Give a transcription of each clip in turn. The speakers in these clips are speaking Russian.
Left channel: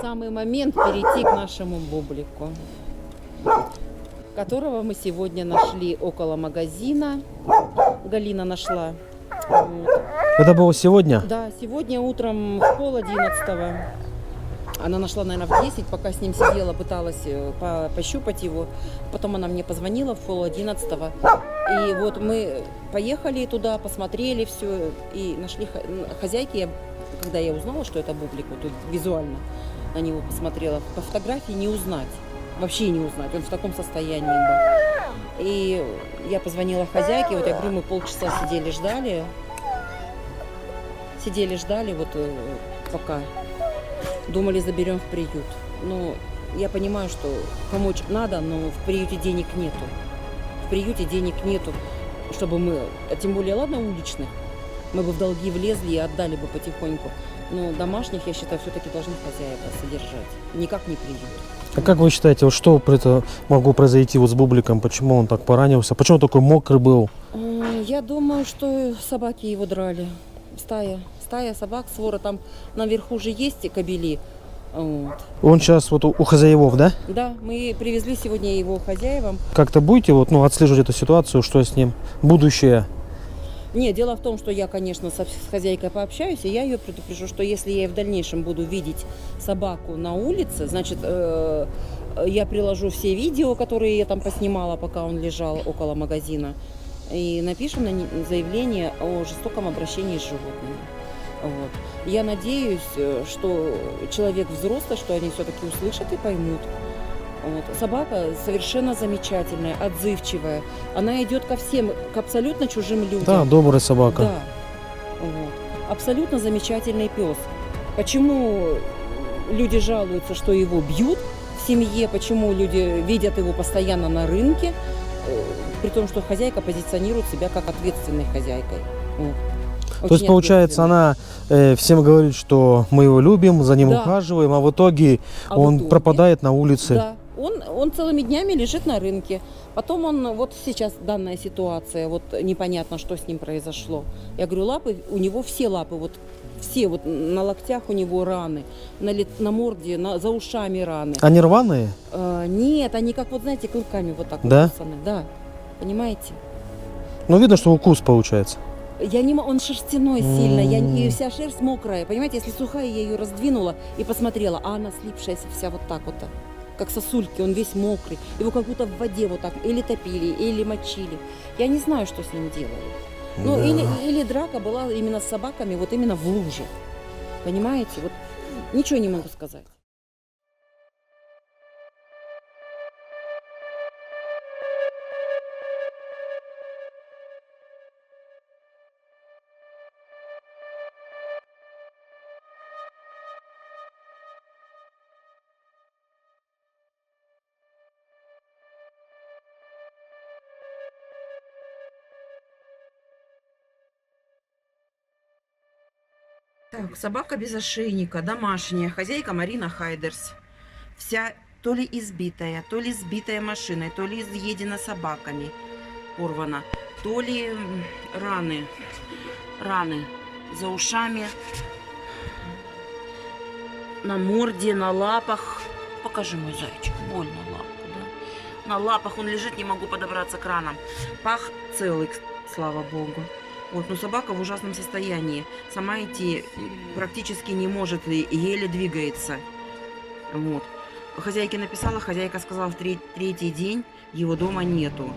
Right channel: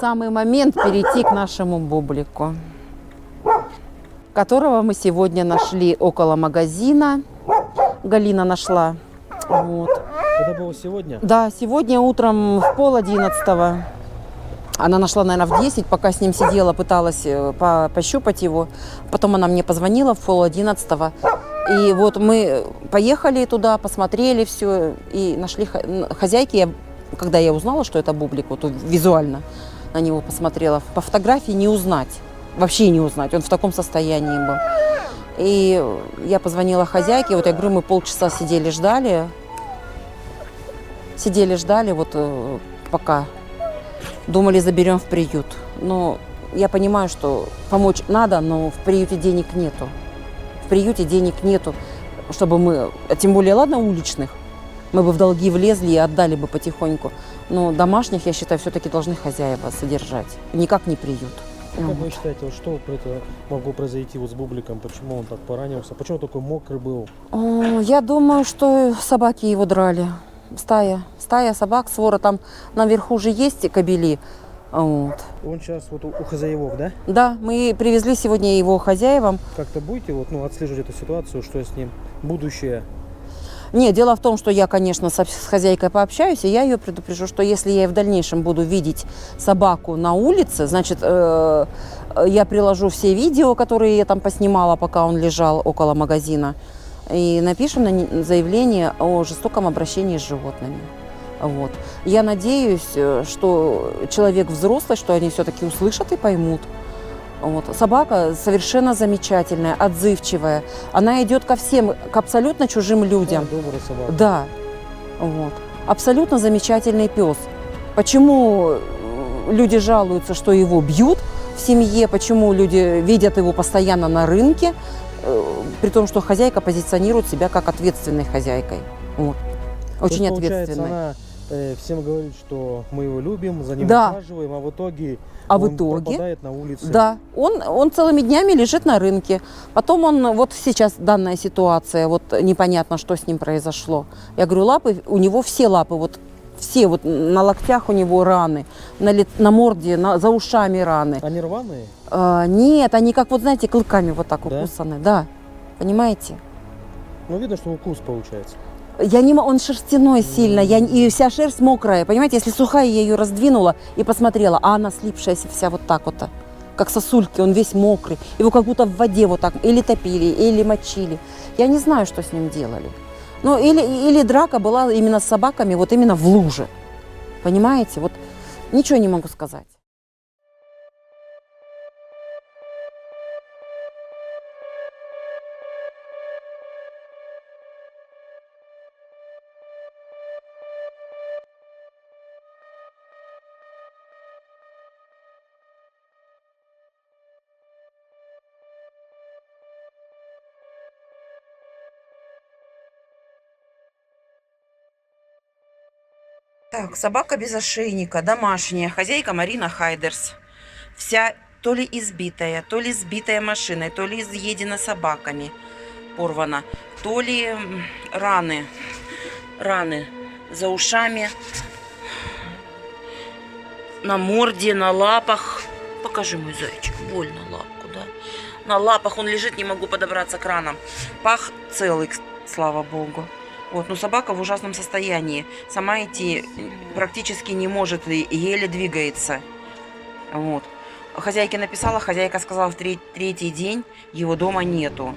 Самый момент перейти к нашему бублику, которого мы сегодня нашли около магазина. Галина нашла. Вот. Это было сегодня? Да, сегодня утром в 10:30. Она нашла, наверное, в 10, пока с ним сидела, пыталась пощупать его. Потом она мне позвонила в 10:30. И вот мы поехали туда, посмотрели все и нашли хозяйки. Когда я узнала, что это бублик, вот визуально на него посмотрела, по фотографии не узнать, вообще не узнать, он в таком состоянии был. И я позвонила хозяйке, вот я говорю, мы полчаса сидели, ждали, вот пока думали, заберем в приют. Но я понимаю, что помочь надо, но в приюте денег нету. В приюте денег нету, чтобы мы, а тем более, ладно, уличных, мы бы в долги влезли и отдали бы потихоньку. Но домашних, я считаю, все-таки должны хозяева содержать, никак не приют. А как вы считаете, вот что это могло произойти вот с бубликом? Почему он так поранился? Почему он такой мокрый был? Я думаю, что собаки его драли. Стая собак, свора, там наверху же есть кобели. Вот. Он сейчас вот у хозяевов, да? Да, мы привезли сегодня его хозяевам. Как-то будете вот, отслеживать эту ситуацию, что с ним? Будущее? Нет, дело в том, что я, конечно, с хозяйкой пообщаюсь, и я ее предупрежу, что если я в дальнейшем буду видеть собаку на улице, значит, я приложу все видео, которые я там поснимала, пока он лежал около магазина, и напишем заявление о жестоком обращении с животными. Вот. Я надеюсь, что человек взрослый, что они все-таки услышат и поймут. Вот. Собака совершенно замечательная, отзывчивая. Она идет ко всем, к абсолютно чужим людям. Да, добрая собака. Да. Вот. Абсолютно замечательный пес. Почему люди жалуются, что его бьют в семье, почему люди видят его постоянно на рынке, при том, что хозяйка позиционирует себя как ответственной хозяйкой. Вот. То есть, получается, она всем говорит, что мы его любим, за ним ухаживаем, а в итоге он пропадает на улице. Да, он целыми днями лежит на рынке. Потом вот сейчас данная ситуация, вот непонятно, что с ним произошло. Я говорю, лапы, у него все лапы, все на локтях у него раны, на морде, за ушами раны. Они рваные? Нет, они как, знаете, клыками вот так укусаны. Да, понимаете? Видно, что укус получается. Он шерстяной сильно, и вся шерсть мокрая. Понимаете, если сухая, я ее раздвинула и посмотрела, а она слипшаяся вся вот так вот, как сосульки, он весь мокрый. Его как будто в воде вот так или топили, или мочили. Я не знаю, что с ним делали. Или драка была именно с собаками, вот именно в луже. Понимаете, ничего не могу сказать. Так, собака без ошейника, домашняя, хозяйка Марина Хайдерс. Вся то ли избитая, то ли сбитая машиной, то ли изъедена собаками, порвана, то ли раны за ушами, на морде, на лапах. Покажи, мой зайчик, больно лапку, да? На лапах он лежит, не могу подобраться к ранам. Пах целый, слава богу. Но собака в ужасном состоянии. Сама идти практически не может, и еле двигается. Вот. Хозяйке написала, хозяйка сказала, в третий день его дома нету.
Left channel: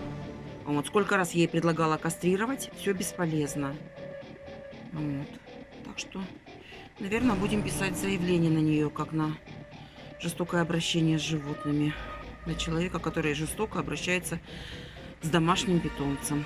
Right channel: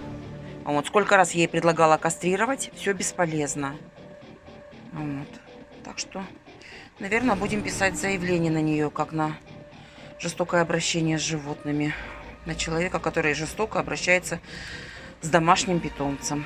Сколько раз я ей предлагала кастрировать, все бесполезно. Так что, наверное, будем писать заявление на нее, как на жестокое обращение с животными. На человека, который жестоко обращается с домашним питомцем.